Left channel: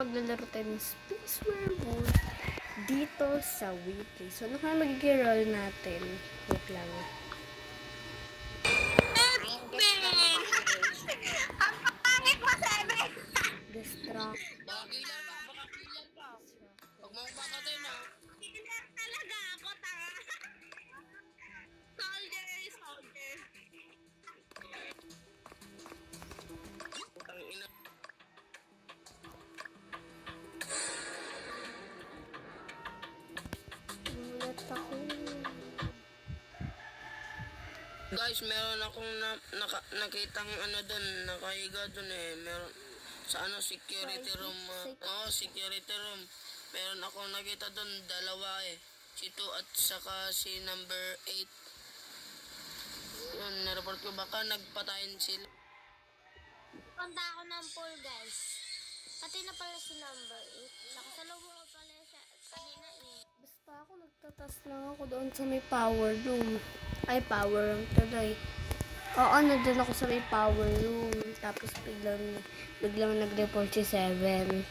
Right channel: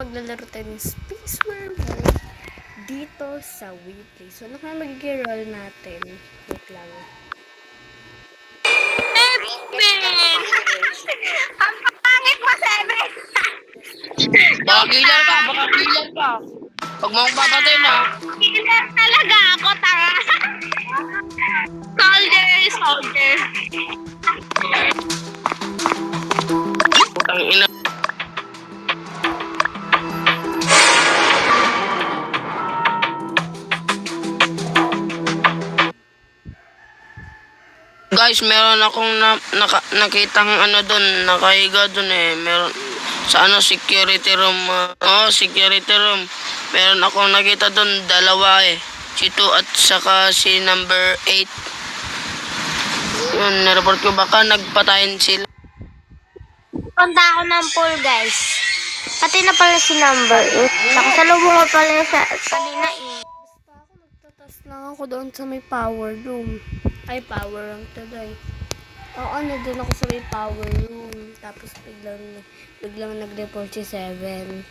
Maglalaro tayo ng Space Werewolf dito sa Weekly. So, ano kaya magiging role natin? Wait lang. Ang pangit mo, Seven! Baka killer ka, baka killer ka. Huwag mong papatay na. Killer talaga ako, tanga! Soldier! Putang ina. Guys, meron akong nakitang doon, nakahiga doon eh. Meron sa security room. Security room. Meron akong nakita doon, dalawa eh. Si 2 at saka si number 8. Yun, nireport ko baka nagpatayin sila. Punta ako ng pool, guys. Pati na pala si number 8. Nakasalubong ko pala sa kanina eh. Basta ako nagtatas lang ako doon sa may power room. Ay, power room today. Oo, doon ako sa may power room. Tapos biglang nag-report si Seven.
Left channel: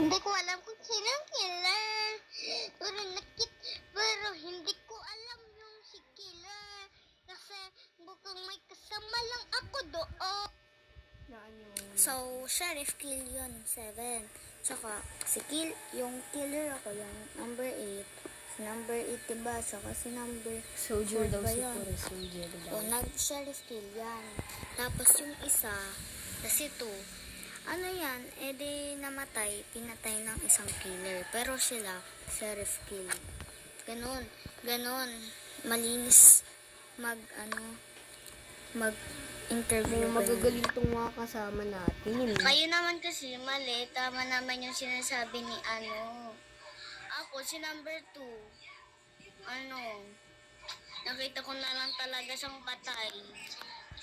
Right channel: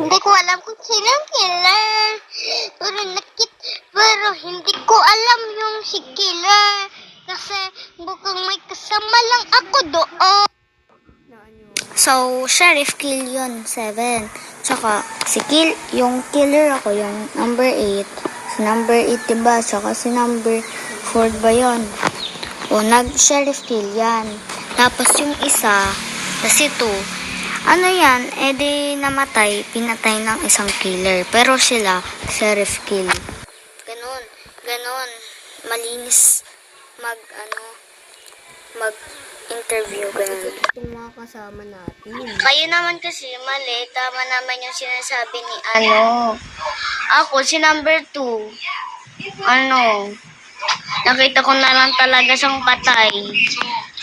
Hindi ko alam kung sino ang killer. Pero hindi ko alam yung si killer. Kasi mukhang may kasama lang ako doon. So, Sheriff kill yun, 7. Tsaka, yung killer ako, yung number 8. Si number 8, diba? Tsaka si number 4 ba yun? O, nag-sheriff kill yan. Tapos yung isa, kasi 2, ano yan, edi namatay, pinatay ng isang killer. Pero sila, sheriff kill. Ganon. Malinis mag-interview. Magagaling itong mga kasama natin. Kayo naman kasi, mali. Tama naman yung sinasabi ni Ako, si number 2. Nakita ko na lang talaga siyang patay.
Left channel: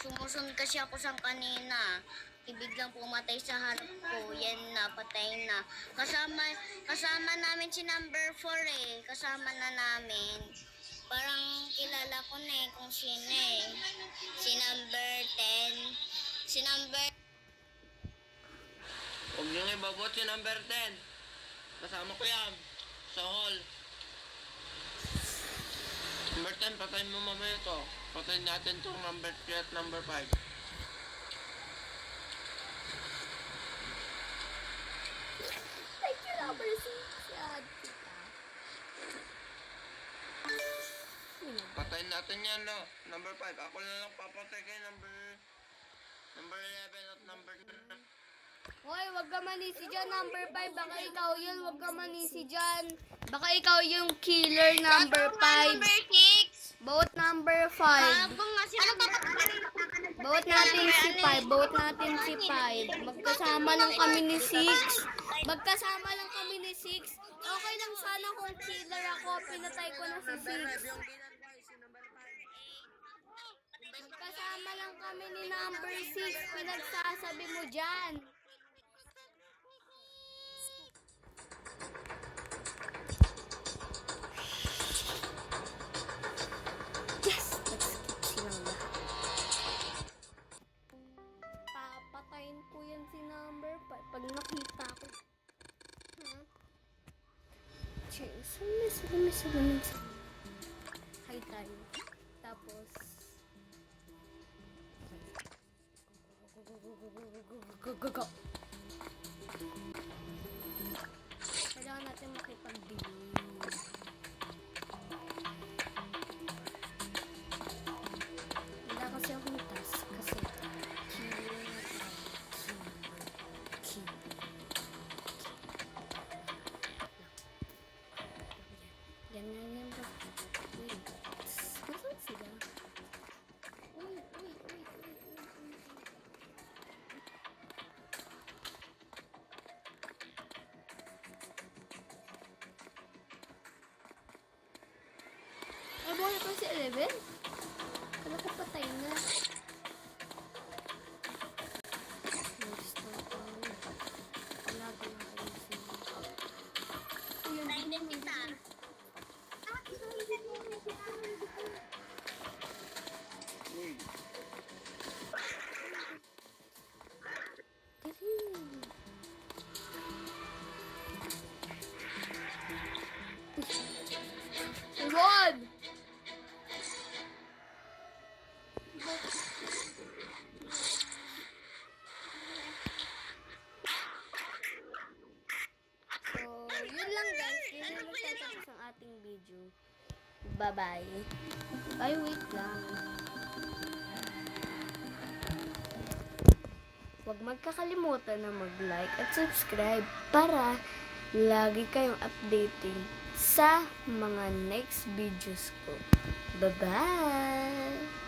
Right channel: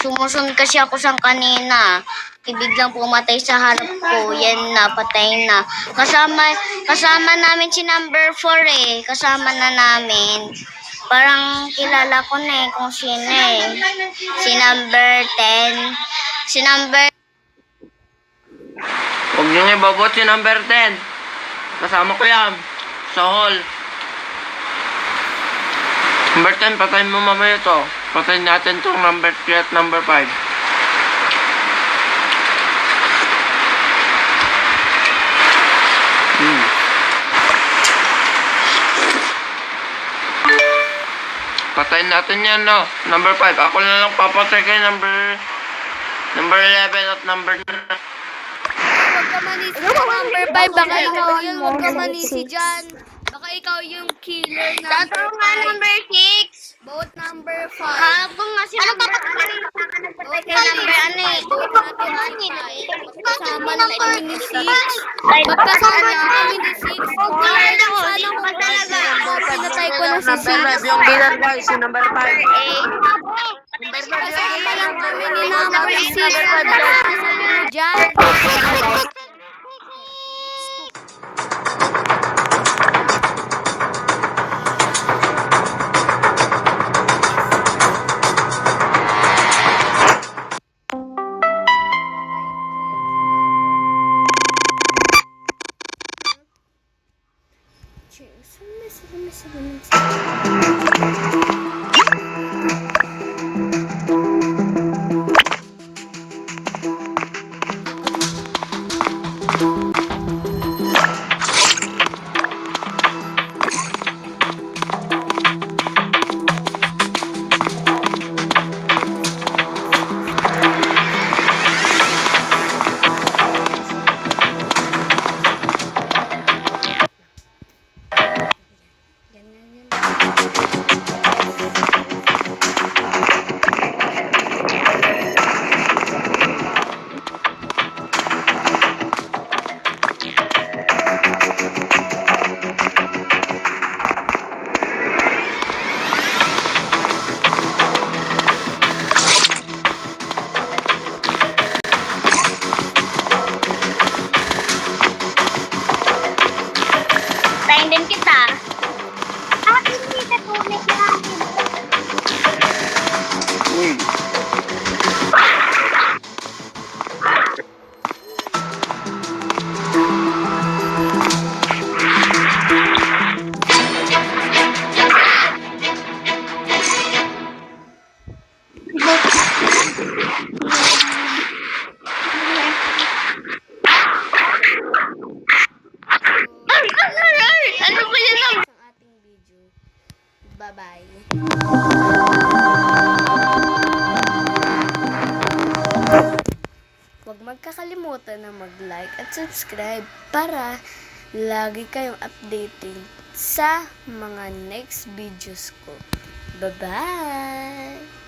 Sumusunod kasi ako sang kanina. Biglang pumatay sa harap ko. Yan na, patay na. Kasama namin si number 4 eh. Kasama na namin. Parang kilala ko na eh kung sino eh. Si number 10. Si number... Huwag nyo niya babot si number 10. Kasama ko yan. Sa hall. Number 10, patayin mo mamaya to. Patayin natin tong number 3 at number 5. Patayin natin yan, no? Number 5. Ako na lang papatay kay number 11 at number 9. Huwag ka manisi sa number 5. Baka ikaw yun. Huwag ka manisi dyan. Baka ikaw yung killer number 5. number 6. Vote number 5. Kung nga si number... Vote natin si 5. Vote natin si 5. Magkasama lang kami ni 6. Magkasama lang kami ni 6. Sana ko talaga. Pinatay ko na si 6. Yung killer guys, si number 5. Magkasama lang kami ni number 6. Magkasama mo dyan. Salamat. Bye-bye. Huwag magkakalimutan na mag-like at subscribe para lagi kayong updating sa mga next videos ko. Bye-bye!